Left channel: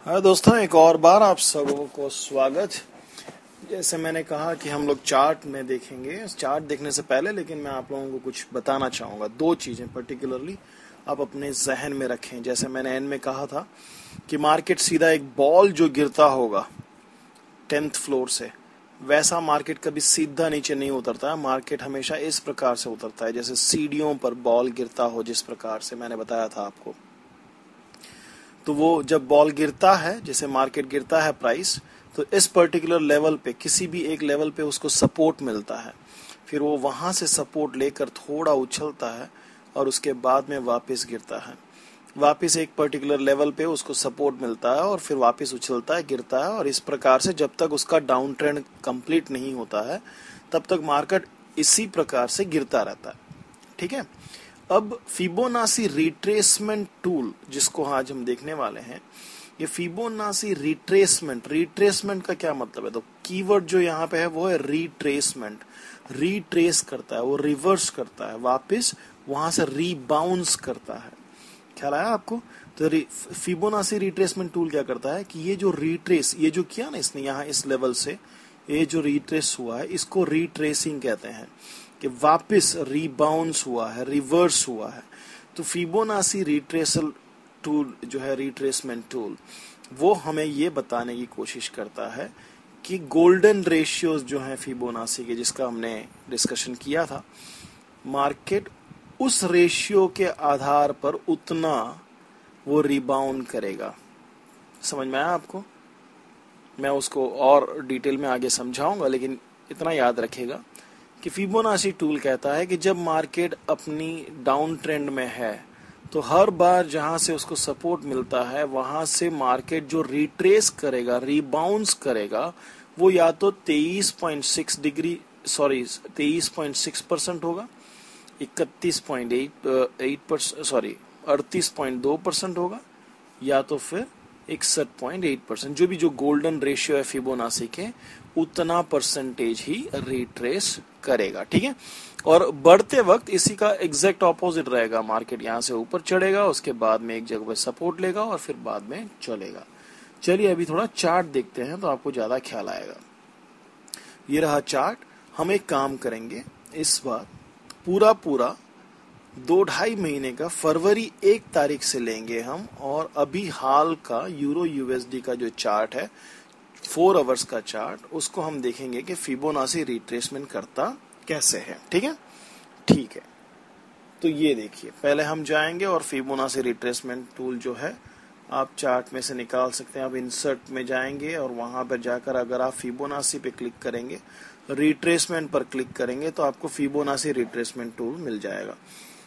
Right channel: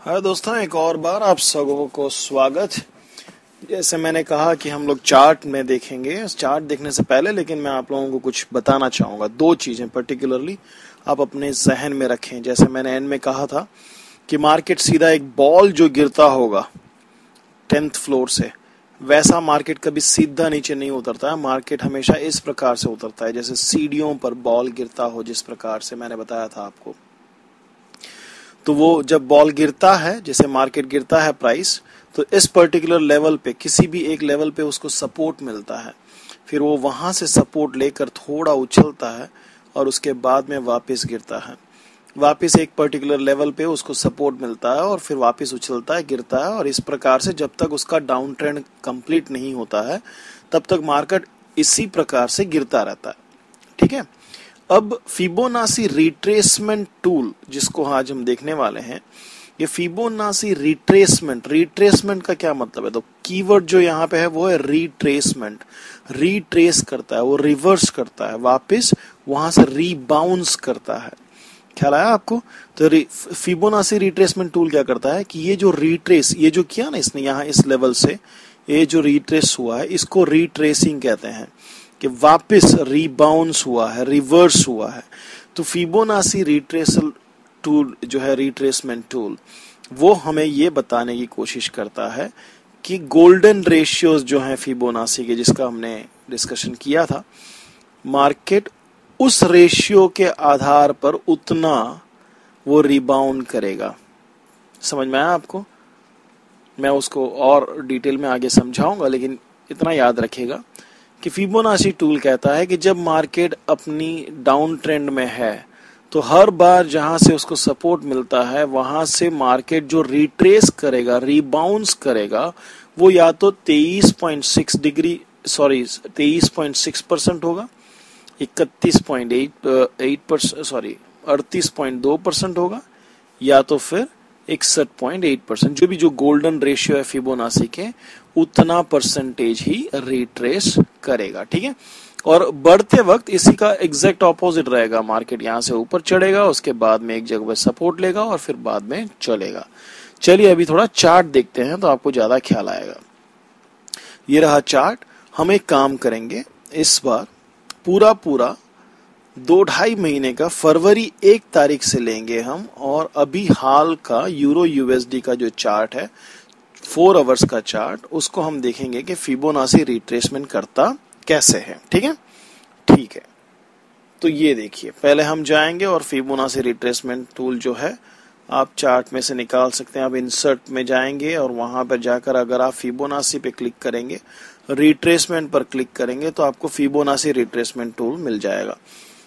हाँ दोस्तों, एक और बार आप सबों को स्वागत। जैसे मैंने कहा कि हम लोग चार्ट में देखेंगे। चार्ट देखने से पहले लेकिन मैं आप लोगों को कुछ बताना चाहूँगा। दो चीज़ें पर्टिकुलरली आप अपने जहन में रखें। जैसे मैंने एंड में कहा था कि मार्केट सीधा एक बॉल जो गिरता होगा 10th फ्लोर से, वैसा मार्केट कभी सीधा नीचे नहीं उतरता है। मार्केट हमेशा इस प्रकार से उतरता है जैसे सीढ़ियों पर बॉल गिरता हो, जिस प्रकार से मैंने बताया था आपको। तो वो जब बॉल गिरता है, जैसे मार्केट गिरता है प्राइस, तो इस पर्टिकुलर लेवल पे, किसी भी एक लेवल पे उसको सपोर्ट मिलता है। फिर वो वहां से सपोर्ट लेकर थोड़ा उछलता है और उसके बाद में वापस गिरता है। वापस एक पर्टिकुलर लेवल पे उसको सपोर्ट मिलता है और फिर वापस उछलता है, गिरता है। और इस प्रकार से जब तक उसका डाउन ट्रेंड कंप्लीट नहीं होता है तब तक मार्केट इसी प्रकार से गिरता रहता है। ठीक है। अब फिबोनाची रिट्रेसमेंट टूल जिसको आज हम देखने वाले हैं, ये फिबोनाची रिट्रेसमेंट का क्या मतलब है? तो कीवर्ड जो यहाँ पे है वो है रिट्रेसमेंट। रिट्रेस करता है, वो रिवर्स करता है, वापस वहां से रीबाउंस करता है। ख्याल आया आपको? तो फिबोनाची रिट्रेसमेंट टूल क्या करता है कि ये जो रिट्रेस, ये जो किया ना इसने यहाँ इस लेवल से, ये जो रिट्रेस हुआ है इसको रिट्रेसिंग कहते हैं, कि वापस रीबाउंस हुआ है, रिवर्स हुआ है। तो फिबोनाची रिट्रेसल टूल जो है, रिट्रेसमेंट टूल, वो हमें ये बताने की कोशिश करता है कि गोल्डन रेशियोज जो हैं फिबोनाची के, जिसका हमने डिस्कशन किया था, मार्केट उस रेशियो के आधार पर उतना वो रिबाउंड करेगा। समझ में आया आपको? मैं उसको और डिटेल में आगे समझाऊंगा, लेकिन इतना याद रखिएगा कि फिबोनाची टूल कहता है कि जब मार्केट अपनी डाउन ट्रेंड में है तो हर बार जहां से उसको सपोर्ट मिलता है वहां से मार्केट जो रिट्रेस करेगा, रीबाउंस करेगा, वो या तो 23.6% होगा, 38.2% होगा, या तो फिर 61.8%। जो भी जो गोल्डन रेशियो है फिबोनाची के, उतना परसेंटेज ही रिट्रेस करेगा। ठीक है। और बढ़ते वक्त इसी का एग्जैक्ट ऑपोजिट रहेगा। मार्केट यहाँ से ऊपर चढ़ेगा, उसके बाद में एक जगह पे सपोर्ट लेगा और फिर बाद में चलेगा। चलिए अभी थोड़ा चार्ट देखते हैं तो आपको ज्यादा ख्याल आएगा। ये रहा चार्ट। हम एक काम करेंगे, इस बार पूरा 2-2.5 महीने का फरवरी 1 तारीख से लेंगे हम, और अभी हाल का यूरो यूएसडी का जो चार्ट है 4 आवर्स का चार्ट, उसको हम देखेंगे कि फिबोनाची रिट्रेसमेंट करता कैसे है। ठीक है। ठीक है, तो ये देखिए, पहले हम जाएंगे और फिबोनाची रिट्रेसमेंट टूल जो है आप चार्ट में से निकाल सकते हैं। आप इंसर्ट में जाएंगे और वहां पर जाकर अगर आप फिबोनाची पे क्लिक करेंगे, रिट्रेसमेंट पर क्लिक करेंगे, तो आपको फिबोनाची रिट्रेसमेंट टूल मिल जाएगा।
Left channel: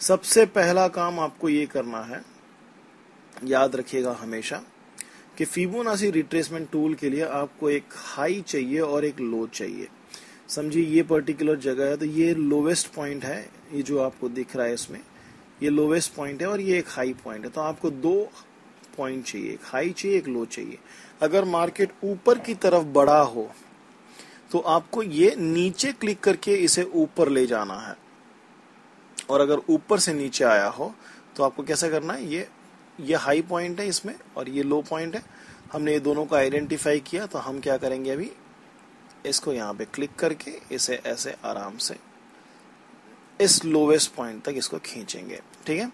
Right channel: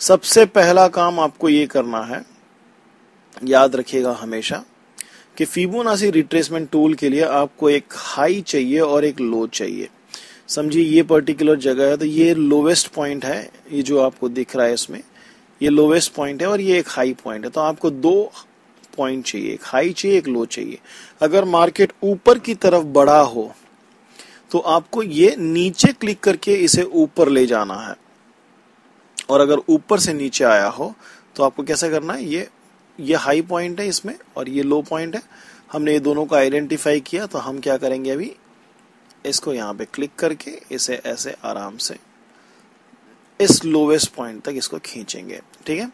सबसे पहला काम आपको ये करना है, याद रखिएगा हमेशा, कि फिबोनाची रिट्रेसमेंट टूल के लिए आपको एक हाई चाहिए और एक लो चाहिए। समझिए ये पर्टिकुलर जगह है तो ये लोवेस्ट पॉइंट है, ये जो आपको दिख रहा है इसमें, ये लोवेस्ट पॉइंट है और ये एक हाई पॉइंट है। तो आपको 2 पॉइंट चाहिए, एक हाई चाहिए, एक लो चाहिए। अगर मार्केट ऊपर की तरफ बढ़ा हो तो आपको ये नीचे क्लिक करके इसे ऊपर ले जाना है, और अगर ऊपर से नीचे आया हो तो आपको कैसा करना है, ये हाई पॉइंट है इसमें और ये लो पॉइंट है। हमने ये दोनों को आइडेंटिफाई किया, तो हम क्या करेंगे, अभी इसको यहाँ पे क्लिक करके इसे ऐसे आराम से इस लोवेस्ट पॉइंट तक इसको खींचेंगे। ठीक है।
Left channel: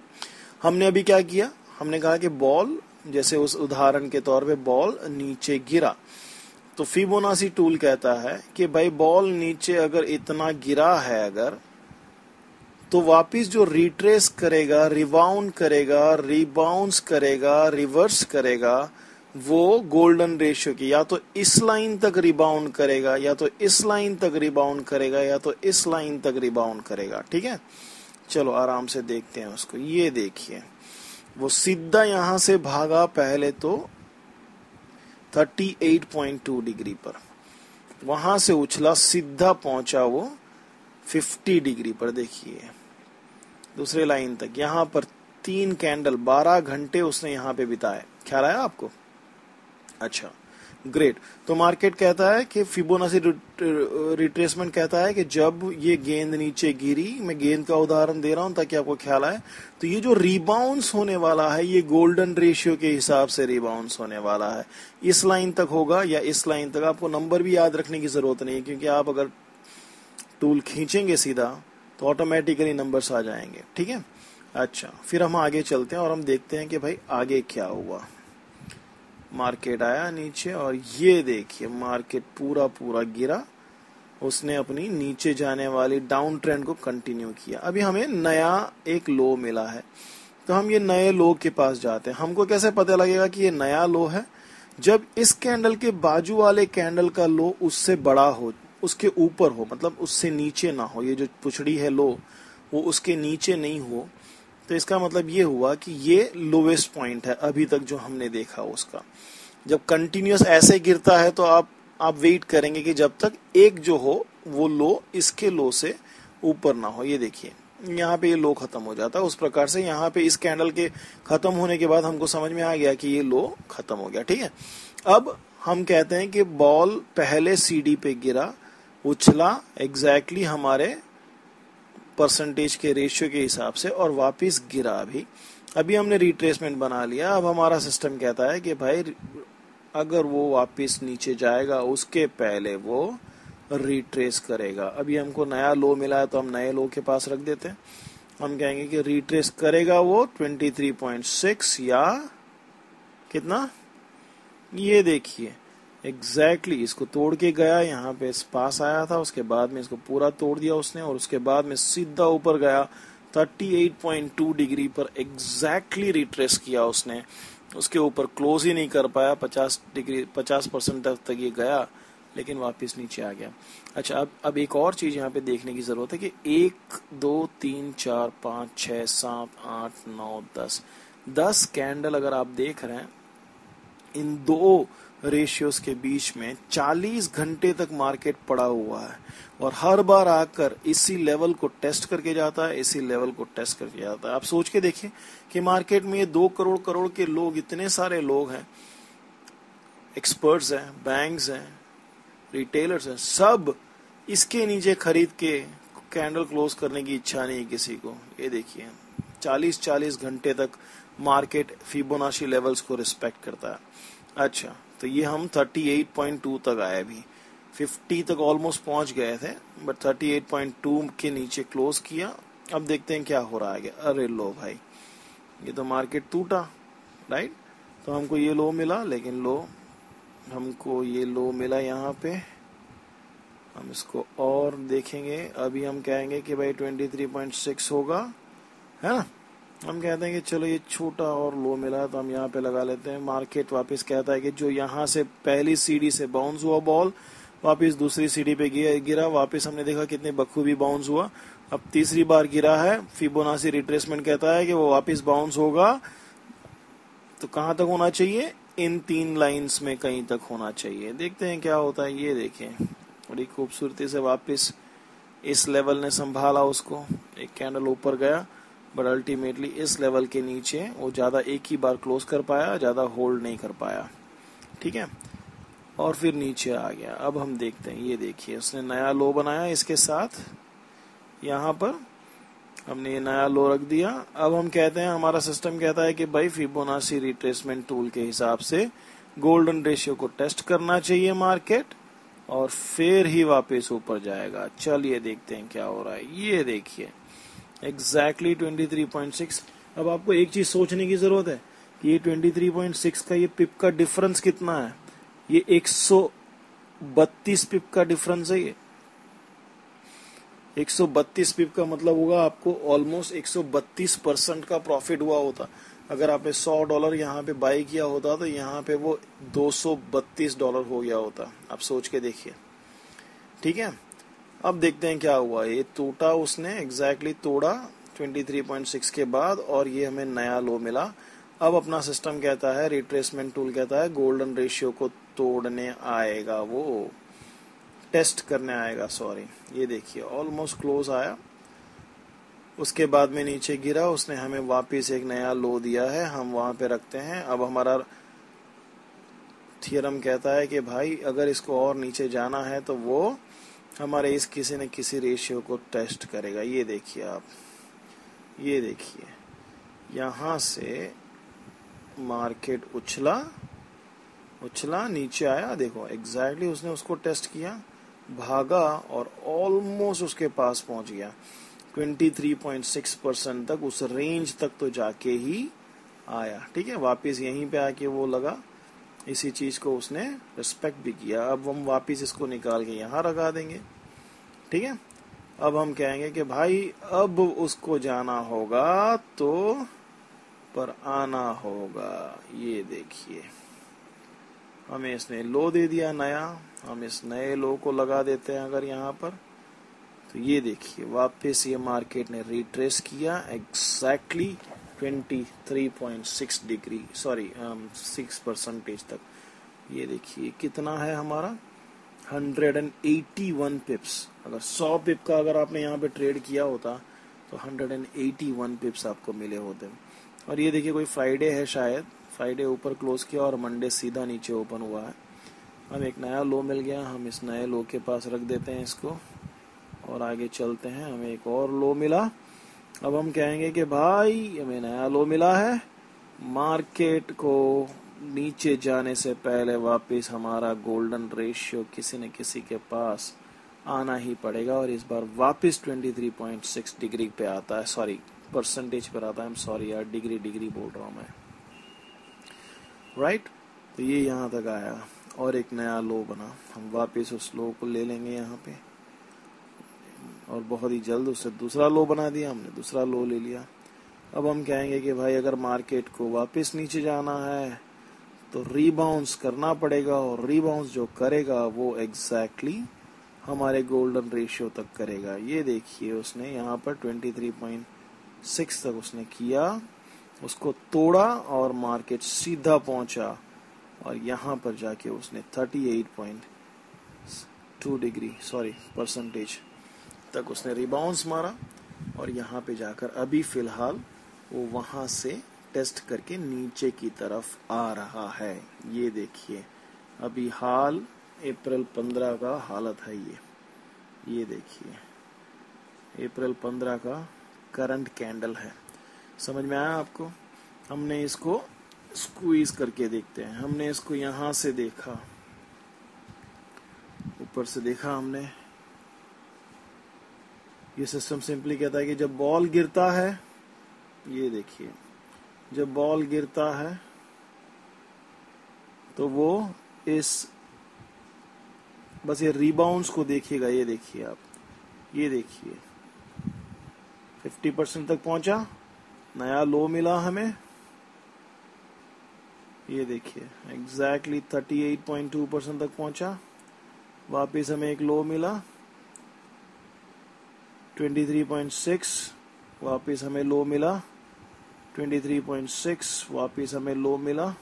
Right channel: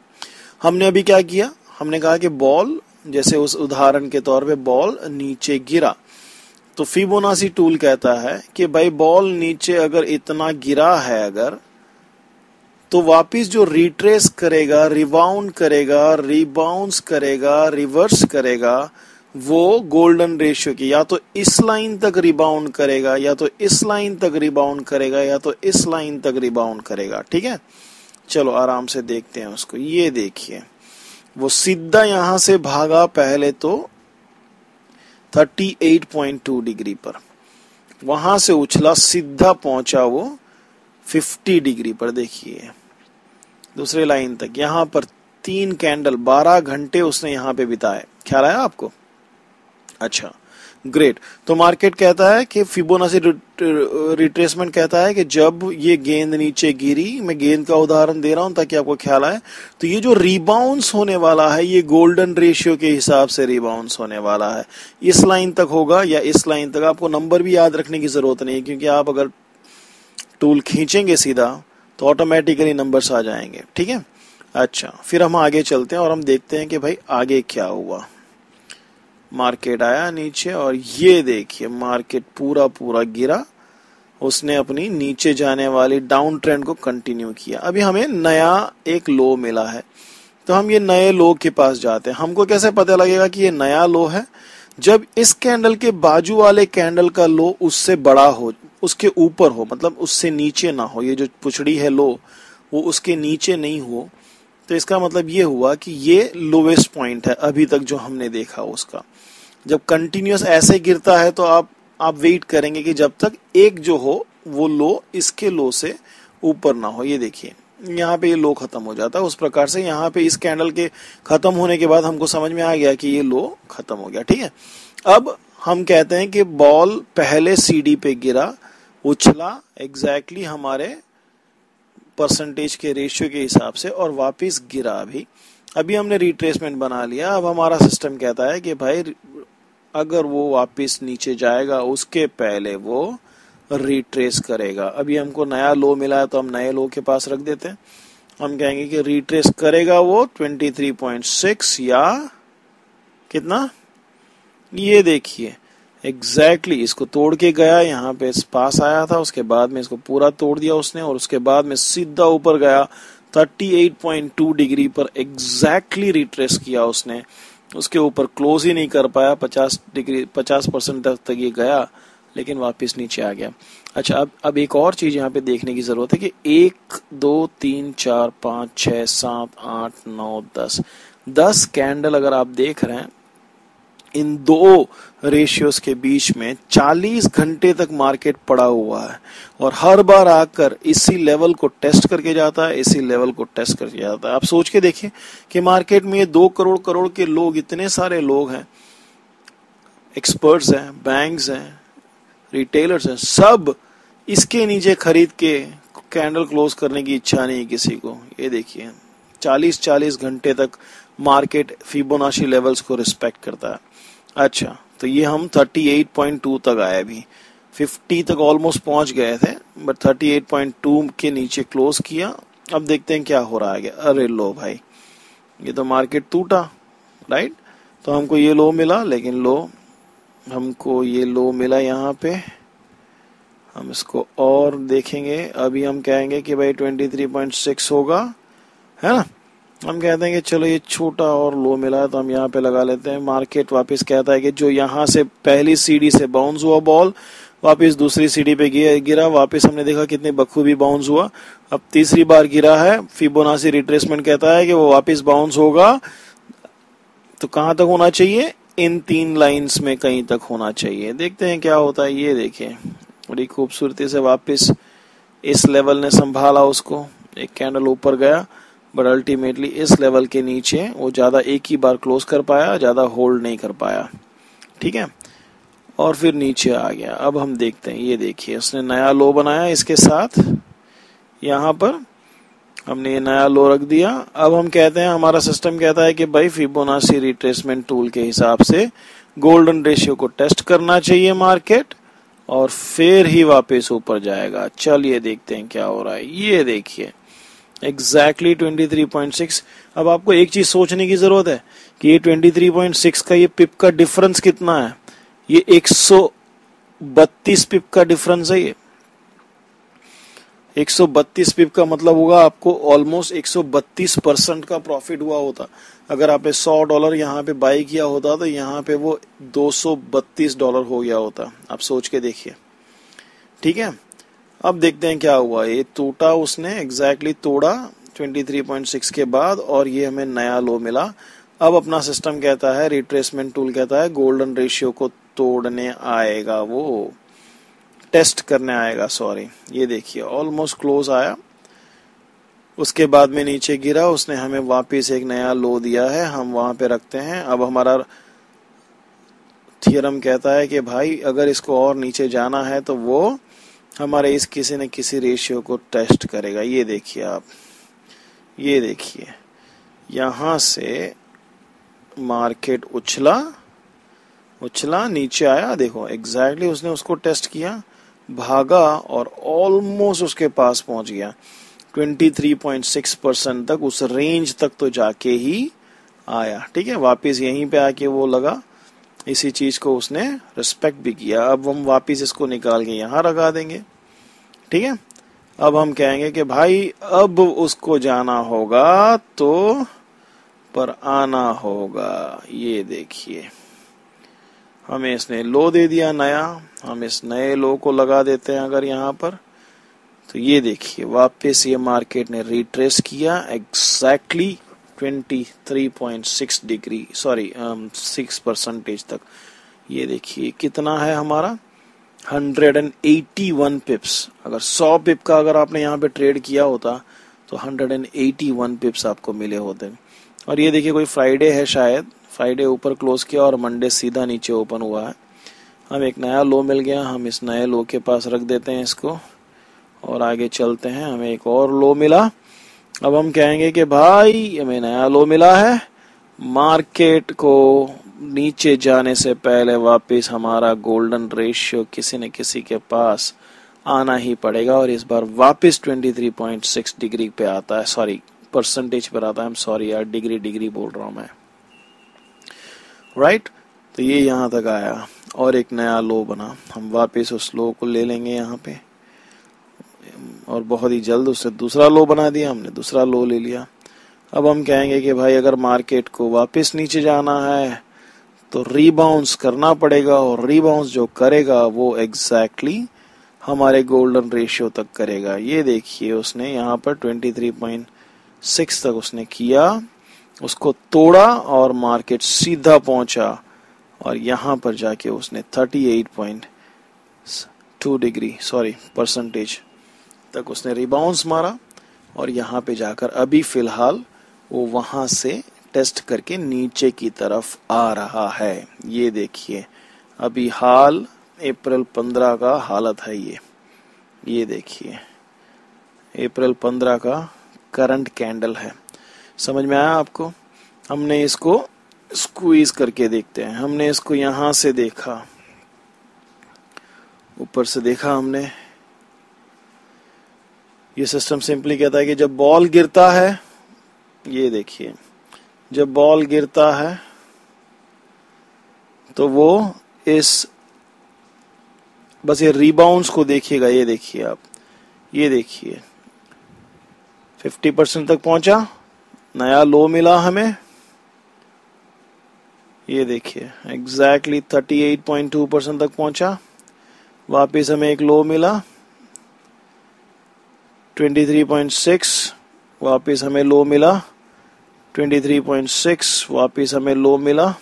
हमने अभी क्या किया, हमने कहा कि बॉल, जैसे उस उदाहरण के तौर पे बॉल नीचे गिरा, तो फिबोनाची टूल कहता है कि भाई बॉल नीचे अगर इतना गिरा है अगर, तो वापिस जो रिट्रेस करेगा, रिबाउंड करेगा, रीबाउंस करेगा, रिवर्स करेगा, वो गोल्डन रेशियो की या तो इस लाइन तक रिबाउंड करेगा, या तो इस लाइन तक रिबाउंड करेगा, या तो इस लाइन तक रिबाउंड करेगा। ठीक है। चलो आराम से देखते हैं उसको। ये देखिए, वो सीधा यहां से भागा पहले तो 38.2 डिग्री पर, वहां से उछला, सीधा पहुंचा वो 50 डिग्री पर। देखिए दूसरे लाइन तक, यहां पर 3 कैंडल, 12 घंटे उसने यहां पे बिताए। ख्याल आया आपको? अच्छा, ग्रेट। तो मार्केट कहता है कि फिबोनाची रिट्रेसमेंट कहता है कि जब ये गेंद नीचे गिरी, मैं गेंद का उदाहरण दे रहा हूं ताकि आपको ख्याल आए, तो ये जो रिबाउंस होने वाला है ये गोल्डन रेशियो के हिसाब से रिबाउंस होने वाला है। इस लाइन तक होगा या इस लाइन तक, आपको नंबर भी याद रखने की जरूरत नहीं है, क्योंकि आप अगर टूल खींचेंगे सीधा तो ऑटोमेटिकली नंबर्स आ जाएंगे। ठीक है, अच्छा फिर हम आगे चलते हैं और हम देखते हैं कि भाई आगे क्या हुआ। मार्केट आया नीचे और ये देखिए मार्केट पूरा पूरा गिरा, उसने अपनी नीचे जाने वाली डाउन ट्रेंड को कंटिन्यू किया। अभी हमें नया एक लो मिला है, तो हम ये नए लो के पास जाते हैं। हमको कैसे पता लगेगा कि ये नया लो है? जब इस कैंडल के बाजू वाले कैंडल का लो उससे बड़ा हो, उसके ऊपर हो, मतलब उससे नीचे ना हो, ये जो पुछड़ी है लो वो उसके नीचे नहीं हो, तो इसका मतलब ये हुआ कि ये लोवेस्ट पॉइंट है अभी तक जो हमने देखा उसका। जब कंटिन्यूअस ऐसे गिरता है तो आप वेट करेंगे कि जब तक एक जो हो वो लो इसके लो से ऊपर ना हो। ये देखिए यहाँ पे ये लो खत्म हो जाता है। उस प्रकार से यहाँ पे इस कैंडल के खत्म होने के बाद हमको समझ में आ गया कि ये लो खत्म हो गया। ठीक है, अब हम कहते हैं कि बॉल पहले सीडी पे गिरा, उछला एग्जैक्टली हमारे परसेंटेज के रेशियो के हिसाब से और वापस गिरा। अभी हमने रिट्रेसमेंट बना लिया। अब हमारा सिस्टम कहता है कि भाई अगर वो वापस नीचे जाएगा उसके पहले वो रिट्रेस करेगा। अभी हमको नया लो मिला है तो हम नए लो के पास रख देते हैं। हम कहेंगे कि रिट्रेस करेगा वो 23.6 या कितना, ये देखिए एग्जैक्टली इसको तोड़ के गया, यहाँ पे इस पास आया था, उसके बाद में इसको पूरा तोड़ दिया उसने और उसके बाद में सीधा ऊपर गया 38.2 डिग्री पर एग्जैक्टली रिट्रेस किया उसने। उसके ऊपर क्लोज ही नहीं कर पाया, 50% तक ये गया लेकिन वापस नीचे आ गया। अच्छा अब एक और चीज यहाँ पे देखने की जरूरत है कि 1 2 3 4 5 6 7 8 9 10 कैंडल अगर आप देख रहे हैं, इन दो रेशियोज के बीच में 40 घंटे तक मार्केट पड़ा हुआ है और हर बार आकर इसी लेवल को टेस्ट करके जाता है, इसी लेवल को टेस्ट करके जाता है। आप सोच के देखिए कि मार्केट में 2 करोड़ के लोग, इतने सारे लोग हैं, एक्सपर्ट्स हैं, बैंक्स हैं, रिटेलर्स हैं, सब इसके नीचे खरीद के कैंडल क्लोज करने की इच्छा नहीं किसी को। ये देखिए 40 घंटे तक मार्केट फिबोनाची लेवल्स को रिस्पेक्ट करता है। अच्छा तो ये हम 38.2 तक आए, अभी 50 तक ऑलमोस्ट पहुंच गए थे, बट 38.2 के नीचे क्लोज किया। अब देखते हैं क्या हो रहा है। अरे लो भाई, ये तो मार्केट टूटा, राइट? तो हमको ये लो मिला, लेकिन हमको ये लो मिला यहाँ पे। हम इसको और देखेंगे। अभी हम कहेंगे कि भाई 23.6 होगा, है ना? हम कहते हैं कि चलो ये छोटा और लो मिला तो हम यहाँ पे लगा लेते हैं। मार्केट वापस कहता है कि जो यहाँ से पहली सीढ़ी से बाउंस हुआ बॉल, वापस दूसरी सीढ़ी पे गिरा, वापस हमने देखा कितने बखूबी बाउंस हुआ। अब तीसरी बार गिरा है, फिबोनाची रिट्रेसमेंट कहता है कि वो वापस बाउंस होगा, तो कहाँ तक होना चाहिए? इन 3 लाइन्स में कहीं तक होना चाहिए। देखते हैं क्या होता है। ये देखें बड़ी खूबसूरती से वापस इस लेवल ने संभाला उसको, एक कैंडल ऊपर गया, बट अल्टीमेटली इस लेवल के नीचे वो ज्यादा एक ही बार क्लोज कर पाया, ज्यादा होल्ड नहीं कर पाया। ठीक है, और फिर नीचे आ गया। अब हम देखते हैं, ये देखिए उसने नया लो बनाया, इसके साथ यहाँ पर हमने ये नया लो रख दिया। अब हम कहते हैं, हमारा सिस्टम कहता है कि भाई फिबोनाची रिट्रेसमेंट टूल के हिसाब से गोल्डन रेशियो को टेस्ट करना चाहिए मार्केट, और फिर ही वापस ऊपर जाएगा। चलिए देखते हैं क्या हो रहा है। ये देखिए एग्जैक्टली 23.6। अब आपको एक चीज सोचने की जरूरत है कि ये 23.6 का ये पिप का डिफरेंस कितना है। ये 132 पिप का डिफरेंस है। ये 132 पिप का मतलब होगा आपको ऑलमोस्ट 132% का प्रॉफिट हुआ होता। अगर आपने $100 यहाँ पे बाई किया होता तो यहाँ पे वो $232 हो गया होता। आप सोच के देखिए। ठीक है, अब देखते हैं क्या हुआ। ये टूटा उसने, एग्जैक्टली तोड़ा 23.6 के बाद, और ये हमें नया लो मिला। अब अपना सिस्टम कहता है, रिट्रेसमेंट टूल कहता है गोल्डन रेशियो को तोड़ने आएगा, वो टेस्ट करने आएगा, सॉरी। ये देखिए ऑलमोस्ट क्लोज आया, उसके बाद में नीचे गिरा, उसने हमें वापस एक नया लो दिया है, हम वहां पे रखते हैं। अब हमारा थियरम कहता है कि भाई अगर इसको और नीचे जाना है तो वो हमारे इस किसी न किसी रेशियो को टेस्ट करेगा। ये देखिए आप, ये देखिए यहाँ से मार्केट उछला नीचे आया, देखो एग्जैक्टली उसने उसको टेस्ट किया, भागा और ऑलमोस्ट उसके पास पहुंच गया। 23.6% तक, उस रेंज तक तो जाके ही आया। ठीक है, वापस यहीं पे आके वो लगा, इसी चीज को उसने रिस्पेक्ट भी किया। अब हम वापस इसको निकाल के यहाँ लगा देंगे। ठीक है, अब हम कहेंगे कि भाई अब उसको जाना होगा तो पर आना होगा। ये देखिए हमें इसने लो दे दिया नया, हम इस नए लो को लगा देते हैं अगर यहाँ पर, तो ये देखिए वापस ये मार्केट ने रिट्रेस किया एग्जैक्टली 23.6 डिग्री 6% तक। ये देखिए कितना है हमारा 181 पिप्स। अगर 100 पिप का अगर आपने यहाँ पे ट्रेड किया होता तो 181 पिप्स आपको मिले होते। और ये देखिए कोई फ्राइडे है, शायद फ्राइडे ऊपर क्लोज किया और मंडे सीधा नीचे ओपन हुआ है। हम एक नया लो मिल गया, हम इस नए लो के पास रख देते हैं इसको और आगे चलते हैं। हमें एक और लो मिला, अब हम कहेंगे कि भाई हमें नया लो मिला है, मार्केट को नीचे जाने से पहले वापस हमारा गोल्डन रेशियो किसी न किसी के पास आना ही पड़ेगा और इस बार वापस 23.6 डिग्री पे आता है, सॉरी परसेंटेज पर आता है। I'm सॉरी यार, डिग्री बोल रहा हूँ मैं, राइट। तो ये यहाँ तक आया और एक नया लो बना, हम वापस उस लो को ले लेंगे यहाँ पे और बहुत ही जल्द उससे दूसरा लो बना दिया, हमने दूसरा लो ले लिया। अब हम कहेंगे कि भाई अगर मार्केट को वापस नीचे जाना है तो रीबाउंस करना पड़ेगा और रीबाउंस जो करेगा वो एग्जैक्टली हमारे गोल्डन रेशियो तक करेगा। ये देखिए उसने यहाँ पर 23.6 तक उसने किया, उसको तोड़ा और मार्केट सीधा पहुंचा और यहाँ पर जाके उसने 38.2 डिग्री परसेंटेज तक उसने रिबाउंस मारा और यहाँ पे जाकर अभी फिलहाल वो वहां से टेस्ट करके नीचे की तरफ आ रहा है। ये देखिए अभी हाल अप्रैल 15 का हालत है ये देखिए अप्रैल 15 का करंट कैंडल है। समझ में आया आपको? हमने इसको स्क्वीज करके देखते हैं। हमने इसको यहां से देखा, ऊपर से देखा हमने। ये सिस्टम सिंपली कहता है कि जब बॉल गिरता है, ये देखिए जब बॉल गिरता है तो वो इस बस ये रीबाउंड्स को देखिएगा। ये देखिए आप, ये देखिए 50% तक पहुंचा, नया लो मिला हमें। ये देखिए एग्जैक्टली 38.2% तक पहुंचा, वापिस हमें एक लो मिला 23.6, वापिस हमें लो मिला 23.6, वापिस हमें लो मिला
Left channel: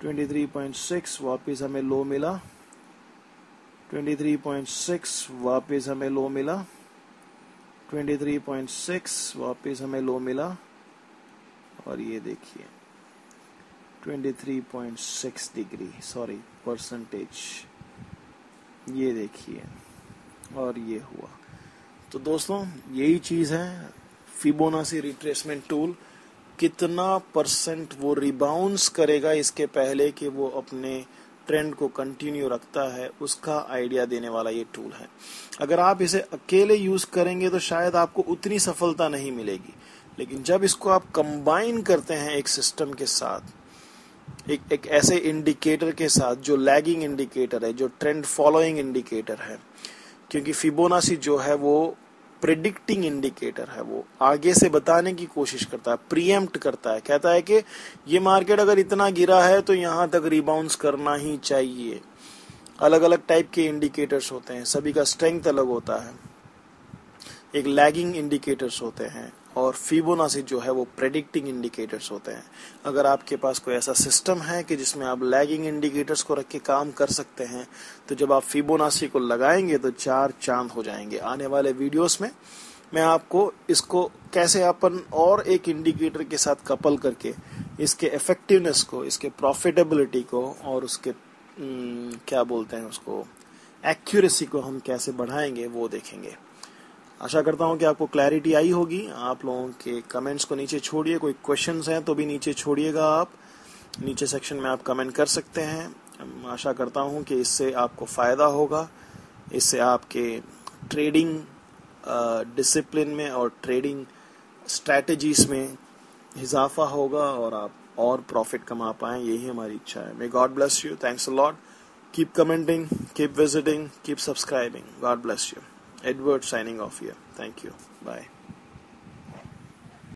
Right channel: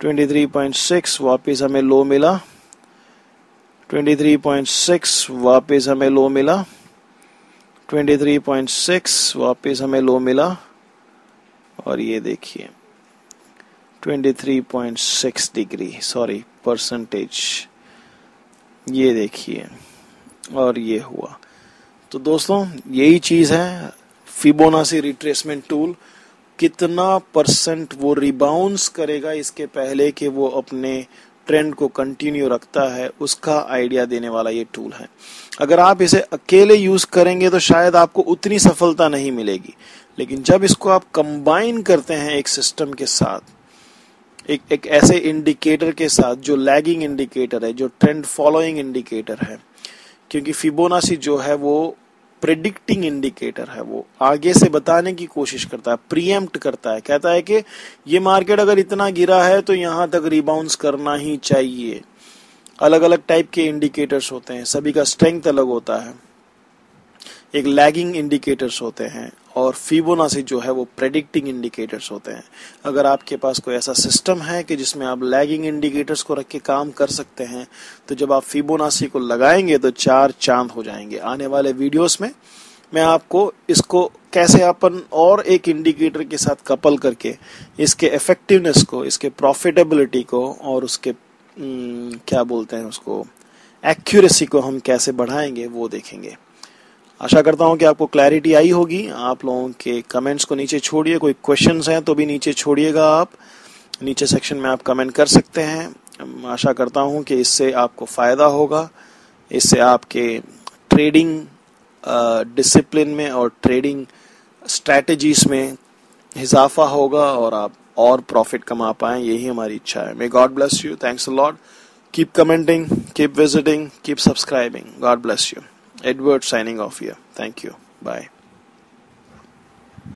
23.6, वापिस हमें लो मिला 23.6, वापिस हमें लो मिला 23.6, वापिस हमें लो मिला और ये देखिए 23.6 डिग्री परसेंटेज। ये देखिए और ये हुआ। तो दोस्तों यही चीज है फिबोनाची रिट्रेसमेंट टूल। कितना परसेंट वो रिबाउंस करेगा इसके पहले कि वो अपने ट्रेंड को कंटिन्यू रखता है, उसका आइडिया देने वाला ये टूल है। अगर आप इसे अकेले यूज करेंगे तो शायद आपको उतनी सफलता नहीं मिलेगी, लेकिन जब इसको आप कंबाइन करते हैं एक सिस्टम के साथ, एक ऐसे इंडिकेटर के साथ जो लैगिंग इंडिकेटर है, जो ट्रेंड फॉलोइंग इंडिकेटर है, क्योंकि फिबोनाची जो है वो प्रेडिक्टिंग इंडिकेटर है, वो आगे से बताने की कोशिश करता है, प्रीएम्प्ट करता है, कहता है कि ये मार्केट अगर इतना गिरा है तो यहां तक रिबाउंस करना ही चाहिए। अलग अलग टाइप के इंडिकेटर्स होते हैं, सभी का स्ट्रेंथ अलग होता है। एक लैगिंग इंडिकेटर्स होते हैं और फिबोनाची जो है वो प्रेडिक्टिंग इंडिकेटर्स होते हैं। अगर आपके पास कोई ऐसा सिस्टम है कि जिसमें आप लैगिंग इंडिकेटर्स को रख के काम कर सकते हैं, तो जब आप फिबोनाची को लगाएंगे तो 4 चांद हो जाएंगे। आने वाले वीडियोस में मैं आपको इसको कैसे अपन और एक इंडिकेटर के साथ कपल करके इसके इफेक्टिवनेस को, इसके प्रॉफिटेबिलिटी को और उसके क्या बोलते हैं उसको, एक्यूरेसी को हम कैसे बढ़ाएंगे वो देखेंगे। आशा करता हूं कि आपको क्लैरिटी आई होगी। आप लोगों के कमेंट्स को नीचे छोड़िए, कोई क्वेश्चंस हैं तो भी नीचे छोड़िएगा, आप नीचे सेक्शन में आप कमेंट कर सकते हैं। आशा करता हूं कि इससे आपको फ़ायदा होगा, इससे आपके ट्रेडिंग डिसिप्लिन में और ट्रेडिंग स्ट्रैटेजीज में इजाफा होगा और आप और प्रॉफिट कमा पाएं, यही हमारी इच्छा है। May God bless you, thanks a lot, keep commenting, keep visiting, keep subscribing, God bless you. Edward signing off here. Thank you. Bye.